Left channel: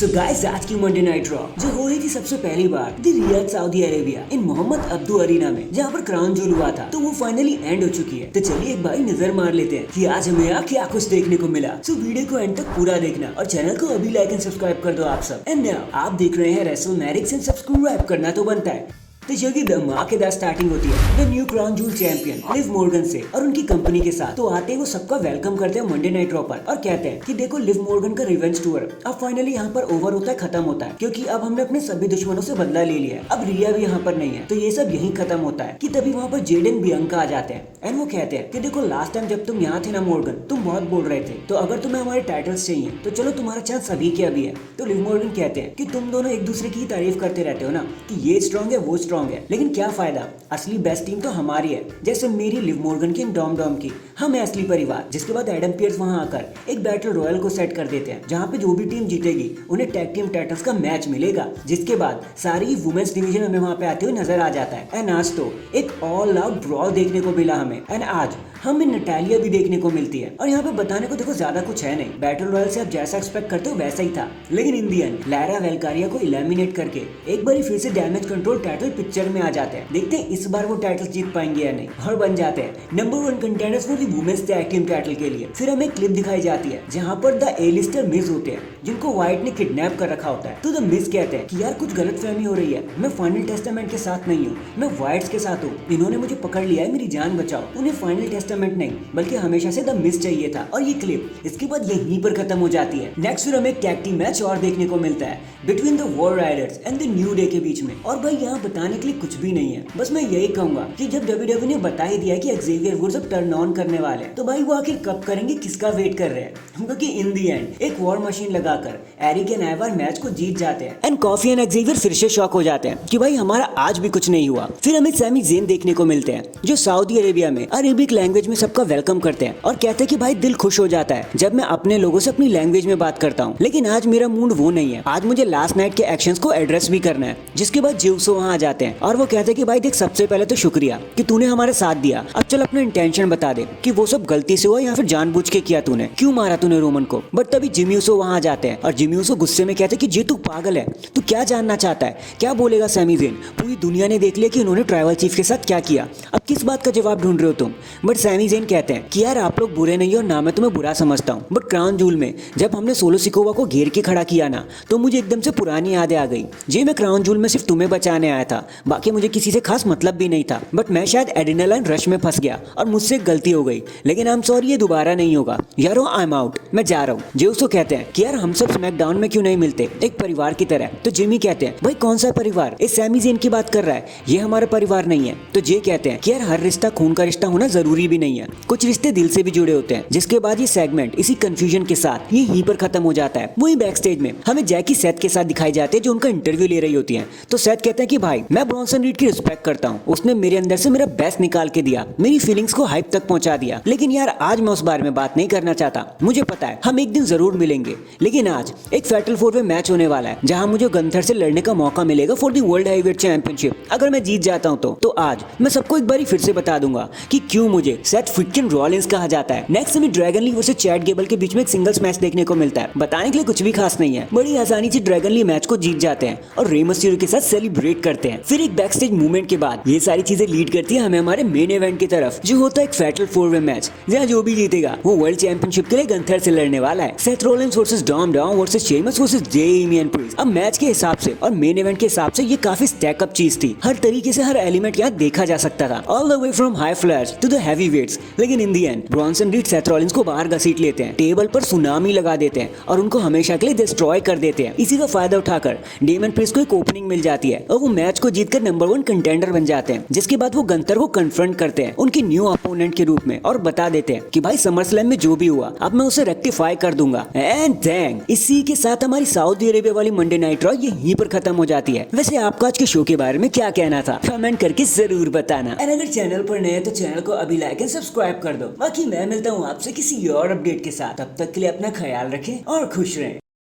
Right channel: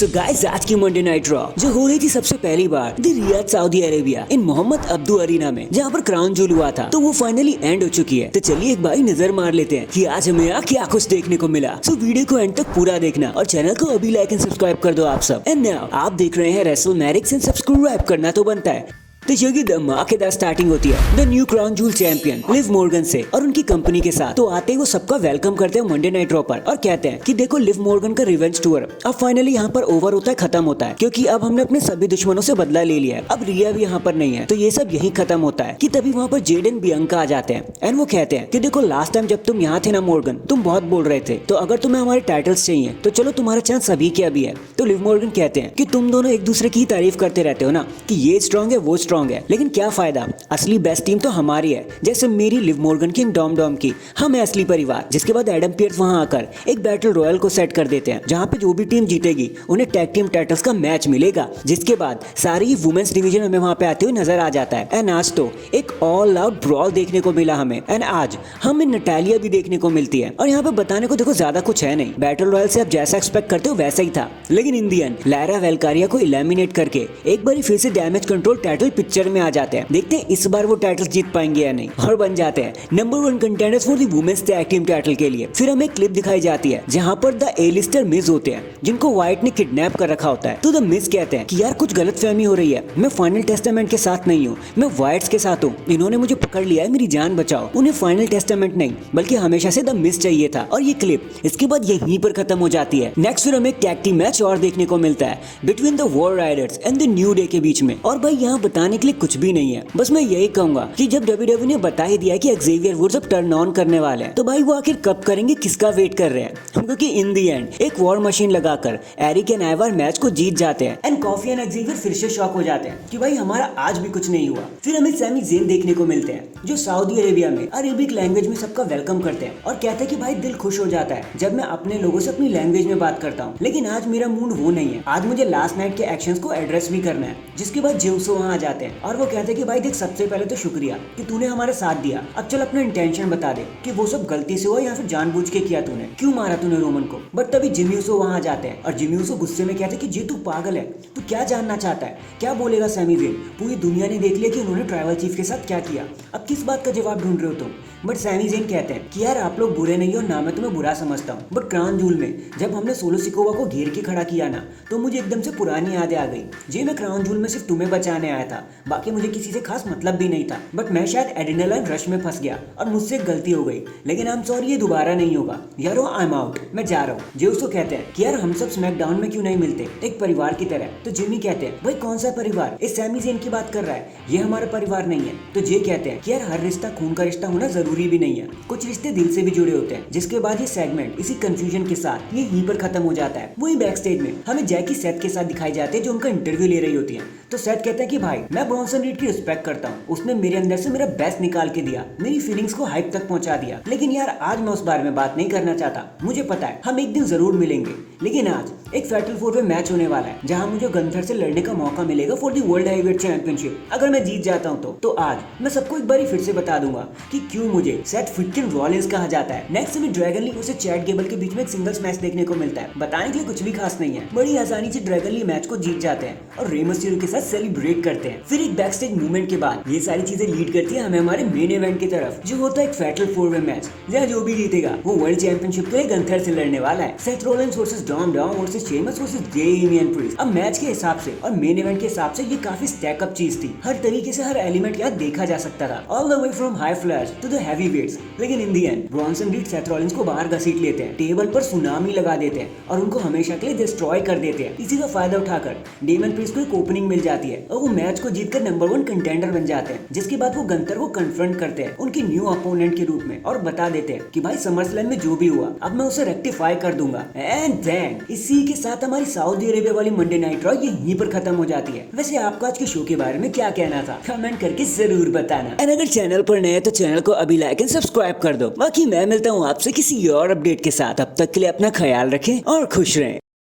So guys, आज की Monday night raw जो हो रही थी सबसे पहली बार the Riyadh Saudi Arabia in Mohammed Abdu arena में, जहाँ पर क्राउन जूल हुआ था, तो वो फाइनली एंड हो चुकी है। तो चलिए एक बार नजर मार लेते हैं कि आज हमें यहाँ क्या कुछ देखने को मिला। सो वीडियो को एंड तक पूरा देखना और चैनल को अभी लाइक एंड सब्सक्राइब कर दो आप सब। एंड नाउ आप देख रहे हैं रेसलमैनिक्स एंड सब्सक्राइब करना तो बनता है। तो ये धमाकेदार स्टार्टिंग होती है the new crown joule champion Liv Morgan से और उनकी कंपनी के साथ। तो आते ही वो सबका वेलकम करते हैं मंडे नाइट रॉ पर और कहते हैं कि देखो, लिव मॉर्गन का रिवेंज टूर अब फाइनली यहाँ पर ओवर होता है, खत्म होता है, क्योंकि अब हमने अपने सभी दुश्मनों से बदला ले लिया है। अब रिया भी यहाँ पर नहीं है, तो ये सब यही खत्म होता है। कि तभी वहाँ पर जेडन बियंका आ जाते हैं एंड वो कहते हैं कि देखो, लास्ट टाइम जब तुम यहाँ थे ना मॉर्गन, तुम बहुत बोल रहे थे, तो अगर तुम्हें हमारे टाइटल्स चाहिए तो चलो, तुम्हारा चांस अभी के अभी है। तो लिव मॉर्गन कहते हैं कि तुम दोनों एक दूसरे की तारीफ करते रहते हो ना कि ये स्ट्रॉन्ग है वो स्ट्रॉन्ग है, लेकिन क्या फायदा, असली बेस्ट टीम तो हमारी है। जैसे मेरी लिव मॉर्गन की डॉम डॉम की, हम है असली परिवार। जिसके बाद एडम पियर्स वहां आकर एक बैटल रॉयल को सेट कर देते हैं, जहां पे जो भी टीम जीतेगी उन्हें टैग टीम टाइटल्स का मैच मिलेगा। जिसके बाद सारी वुमेन्स डिवीजन हमें वहां पे आते हुए नजर आ जाता है। एंड आज तो एक ऑल आउट ब्रॉल देखने को मिला हमें। एंड आज हमें नटालिया भी देखने को मिलती है। और यहाँ पे बताने को देखो ज्यादा कुछ है नहीं, बैटल रॉयल से आप जैसा एक्सपेक्ट करते हो वैसा ही था। लेकिन इन दी एंड लैरा वेलकारिया को इलिमिनेट करके एक बार फिर से डैमेज कंट्रोल टाइटल पिक्चर में आ जाते हैं। देखते हैं इस बार वो टाइटल जीत पाएंगे या नहीं, और बन जाते हैं number 1 contenders for the women's tag team title के लिए। फिर हमें क्लिप दिखाई जाती है जहां पर द ए-लिस्टर मिज होते हैं, जिनको व्हाइट ने किडनैप कर रखा होता है। तो द मिज कहते हैं कि यार कुछ गलतफहमी हो रही है, मैं फाइनल टेस्टामेंट के साथ नहीं हूँ, मैं व्हाइट्स के साथ हूँ। इन्होंने मुझे पकड़ लिया है, मेरी जान बचाओ। उन्हें फाइनल टेस्टामेंट नहीं बल्कि हमेशा से द मिज चाहिए था। और ये क्लिप इसके बाद यहीं पर खत्म हो जाती है। नेक्स्ट फिर हमें टैग टीम मैच और देखने को मिलता है between the war Riders and the new day के बीच में। और भाई यहाँ बताने के लिए कुछ भी नहीं है, बस मैं यही कहूंगा कि जब WWE ने बता ही दिया कि एक्जेवियर वुड्स अब टर्न ऑन करने वाले हैं, तो भाई वो आखिर कब करेंगे, किसका वेट कर रहे हैं? क्योंकि इन दी एंड एक वॉर मशीन लगाकर एरिक एंड आइवर मैच को जीत जाते हैं एंड कॉफी एंड एक्जेवियर फिर से शॉक हो जाते हैं कि भाई हमारा आज भी कुछ नहीं हुआ। फिर हमें सैमी ज़ेन देखने को मिलते हैं, जो सऊदी अरेबिया में अरेबिक लैंग्वेज में सबका वेलकम करते हैं और कहते हैं कि भाई दिल खुश हो जाता है जब मैं अपने लोगों से अपनी लैंग्वेज में बात करता हूँ। लेकिन आज मेरा मूड वो नहीं है, आज मुझे लास्ट नाइट के एक्शंस को एड्रेस भी करना है। जिसके बाद जिउसो वहाँ आ जाते हैं और वो कहते हैं कि भाई देख, सबसे पहले तो शुक्रिया कि तूने हमारे साथ दिया। अब चल अपना इंटेंशन बता दे कि वो सब गलती से हुआ या फिर जानबूझ के किया तूने, क्यों मारा तूने रोमन को। बट तभी जिमी ऊसो वहां आ जाते हैं और जिमी ऊसो गुस्से में कहते हैं कि जे तू पागल है, तू क्या जानना चाहता है, क्या बोलेगा सैमी ज़ेन? पूरी दुनिया ने देख लिया कि उन्होंने ट्राइबल चीफ के साथ क्या किया, अब किस बात का जवाब ढूंढ रहे हो तुम? बट सैमी ज़ेन कहते हैं कि यार आप लोग बुरे नहीं हो, ना मैं तुम्हें बुरा समझता हूँ। बट क्राउन जूल में जब हमने सोलो सिकोवा को घेर के खड़ा किया ना, तो मुझे एकदम से पुरानी यादें आ गई। जी मैं क्राउन जूल में सिर्फ तुम्हें बचाने आया था, बाकी मुझे किसी से खास मतलब भी नहीं था। बट मैं शायद एड्रेनालाइन रश में फंस गया और मुझसे गलती हो गई, लेकिन आई एम सॉरी, ये दोबारा नहीं होगा। यारो आई एम आउट, मैं जा रहा हूँ। जेउसो कहते हैं कि यार हम सब स्मैकडाउन में क्यों नहीं मिलते एक परिवार की तरह? तो जिमी कहते हैं भाई कौन सा परिवार, इस सैमी ज़ेन की बात कर रहा है, ये हमारा परिवार नहीं है। तो जे कहते हैं कि यार हर रिश्ता खून का रिश्ता होना जरूरी भी नहीं है, कुछ रिश्ते दिल से भी जुड़े होते हैं। जिसके बाद ये सेगमेंट इसी कंफ्यूजन के साथ यहीं पर खत्म हो जाता है। वही बैक स्टेज में हमें जैकी सेथ के साथ दिखाई जाते हैं, जो उनका इंटरव्यू ले रही होती है। तो सेथ कहते हैं कि भाई मैं ब्रॉन्सन रीड की रिस्पेक्ट करता हूँ, उसने मेरे अंदर से मेरा बेस्ट निकाल के दिया, मेरी फीलिंग्स को हाइप तक पहुंचा दिया। लेकिन यार आज मैं उस बारे में बात नहीं करना चाहता। मुझे पता है हम एक दिन जरूर मिलेंगे, लेकिन आज एक फैटल 4 वे मैच होने वाला है, जहां मुझे गंथर से लड़ने का मौका मिलेगा for the world heavyweight championship. अगर मैं जीत जाता हूं तो आज मैं सबको एक बार फिर से बता दूंगा कि क्यों मुझे सेथ फ्रिक्किन रॉलिंस कहा जाता है। नेक्स्ट हमें Dragon Lee versus Chad Gable के बीच में एक सिंगल्स मैच देखने को मिलता है। बताने के लिए कुछ भी खास नहीं है, बड़ी आसानी से ड्रैगन ली मैच को जीत जाते हैं और रे मिस्टीरियो के साथ सेलिब्रेट करते हैं। फिर एक बैक स्टेज मूवमेंट के बाद ये सारी चीजें लीड करती है हमें हमारे मेन इवेंट की तरफ, जो होता है एक फैटल 4 वे मैच, जहाँ जो भी जीतेगा वो वर्ल्ड चैंपियनशिप के लिए गंथर से लड़ने वाला है। Seth Rollins versus Dom Dom versus Sheamus versus Damian Priest. अब मैच के हिसाब से और मेन इवेंट के हिसाब से ये काफी स्टैक अप चीज थी, हर तरीके से हर एलिमेंट यहाँ देखा जा सकता था, all the way from high flyers to the heavyweights. लेकिन in the end Bronson Reed Seth Rollins को बाहर घसीट लेते हैं, टेबल पर सुनामी लगा देते हैं और उनको हमेशा के लिए डिस्ट्रॉय कर देते हैं। इसी का फायदा उठाकर डेमियन प्रीस्ट को एक ओपनिंग मिल जाती है और वो मैच को जीतकर नंबर 1 कंटेंडर बन जाते हैं। जिसके बाद वो गंथर को कन्फ्रंट करते हैं उनके न्यू अपोनेंट के रूप में और बता देते हैं कि भाई समरस्लैम में जो भी हुआ अब मैं उसे रेक्टिफाई कर दूंगा। एंड देन इसी के साथ हमारी सऊदी अरेबिया वाली मंडे नाइट रॉ यहीं पर खत्म हो जाती है। वैसे आपको आज के शो के बारे में क्या कहना था, कमेंट करके जरूर बताना। एंड अगर चैनल पर नए हैं तो चैनल को अभी लाइक एंड सब्सक्राइब कर दो। बाकी मैं मिलता हूँ आपसे किसी और अपडेट के साथ, तब तक के लिए अपना ख्याल रखें और खुश रहें।